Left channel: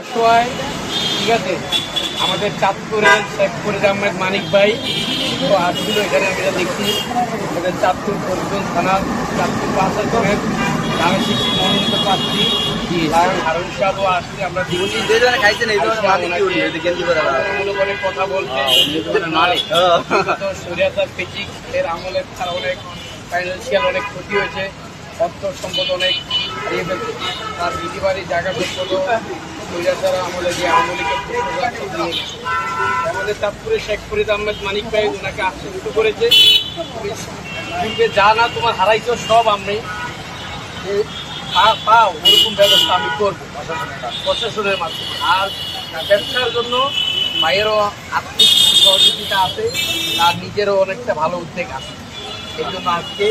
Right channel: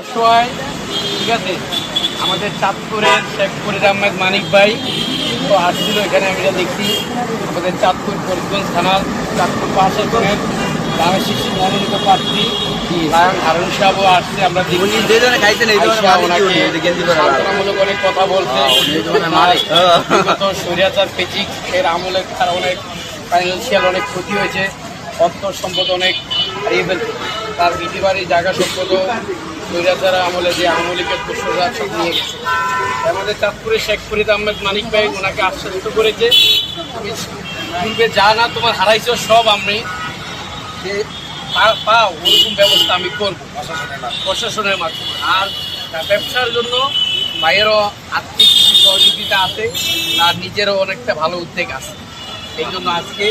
অসহায়, ঠিক আছে। আমাদের চাঁদপুরের শেখ ফরিদ আহমেদ মানিক ভাই তো আসছিল এখানে। আমি দেখছি আমাদের চাঁদপুর ফরিদগঞ্জ থানার চাঁদপুর প্রশাসনের শিশু মনোনীত প্রার্থী লায়ন হারুন সাহেবও আসছে। আমরা সান্ত্বনামূলক অনেক কথা বলতে বিগত স্বৈরাচার পেচিক এর আমলে তার অনেক ফাইন্যান্সিয়াল অনেক ক্ষতি হয়েছে, অর্থ সম্পদ অনেক হারিয়ে ফেলছে। তার বিটি বাড়ির জায়গা সম্পদও স্বৈরাচার আমলে যে আমলিকের দোষরা সব নিয়ে গেছে। আমাদের চাঁদপুরে শেখ ফরিদ আহমেদ মানিক ভাই ওনাকে আশ্বস্ত করেছে, তুমি পূর্বে যা না তোমার হারাইছো সব আমি যে পাও ওরকম ব্যবস্থা আমি করবো প্রশাসনের মাধ্যমে। আর ব্যবসার জন্য ভাইয়েরও আর্থিক কিছু সহযোগিতা আছে, তার নিজেরও অনেকটা ভালো উদ্যোগ আছে। এই জন্য আজকে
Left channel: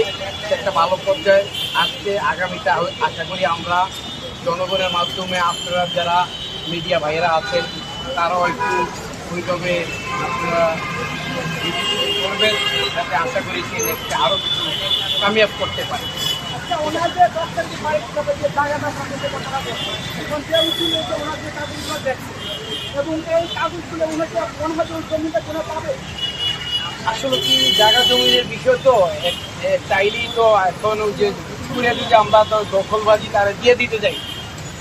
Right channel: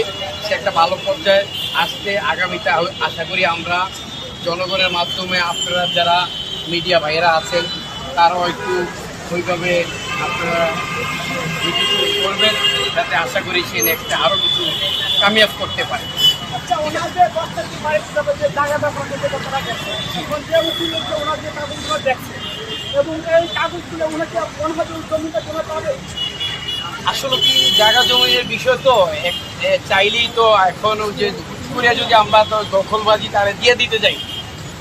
সে একটা ভালো পর্যায়ে আসতে আগামীতে আশা করি আমরা জনগণের মাধ্যমে আপনারা যারা মিডিয়া ভাইয়েরা আছেন তারাও একটু ওইভাবে আপনারা করবেন, যাতে আশা করি সে নেক্সটে আরও কিছু কামিয়াব করতে পারে। আসলে কি জায়গা জমির বিষয় তো চাইলেই তো এখন যে করে যদি আমরা তো দখলবাজি তারা দিয়ে দিতে যাই,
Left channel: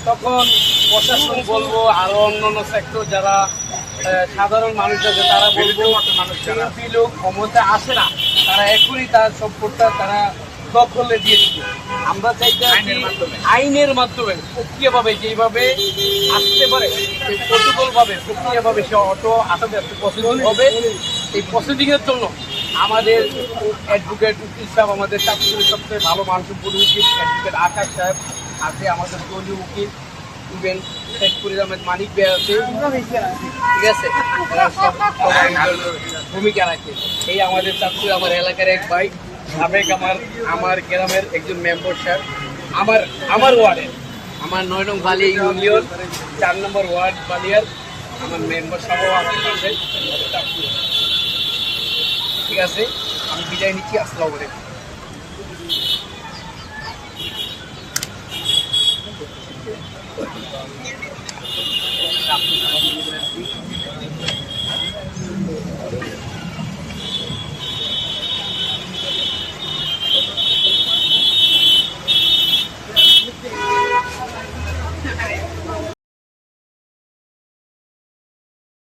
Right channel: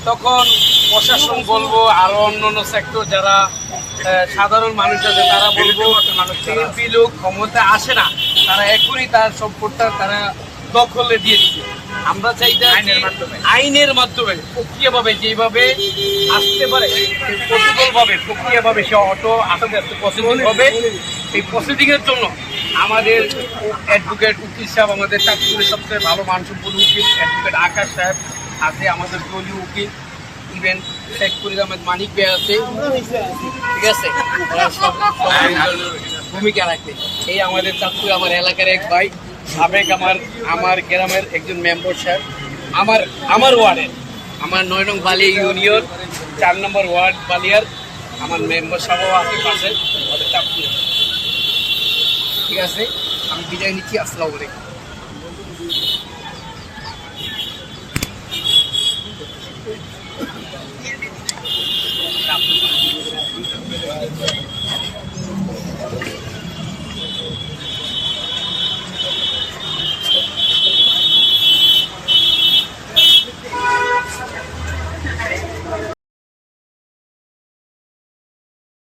তখন প্রশাসন বলবো আরো অন্যান্য সেক্টর যারা সাধারণ মানুষ আছে তারা বলবো শিল্পী লোক ক্ষমতা আসে না, তারা এখনই তার সম্পদটা তারা দখলে দিয়ে দিচ্ছে। আমরা চাইতে আইনের মাধ্যমে প্রক্রিয়াভাবে যেভাবে আসতে পারে প্রটোকলভাবে প্রক্রিয়াভাবে সে অটো আস্তে আস্তে প্রসিডিং হবে। এই প্রসিডিংয়ের জন্য আমাদের অ্যাডভোকেট উকিল সাহেব, আমাদের চাঁদপুরের সবচেয়ে ভালো মানসম্পন্ন উকিল অ্যাডভোকেট আকাশ সাহেব আছে, আমাদের দলীয় উকিল ইভেন শেখ ফরিদ আহমেদ মানিক ভাই আছে, ঠিক আছে, সবাই ভূমিকা রাখে। এই আমাদের চাঁদপুর আমার এলাকার এক ভাই সাবেক আমার গ্রামের একজন মেম্বার সাহেব, আমার ওয়ার্ডের আমার 9 নং বালিয়া ইউনিয়ন 4 নম্বর ওয়ার্ড বালিয়ার আমার মেম্বার সাহেবও আছে পাশে আমাদের চাঁদপুর। ঠিক আছে, আমি বিদায় নিচ্ছি। আসসালামু আলাইকুম।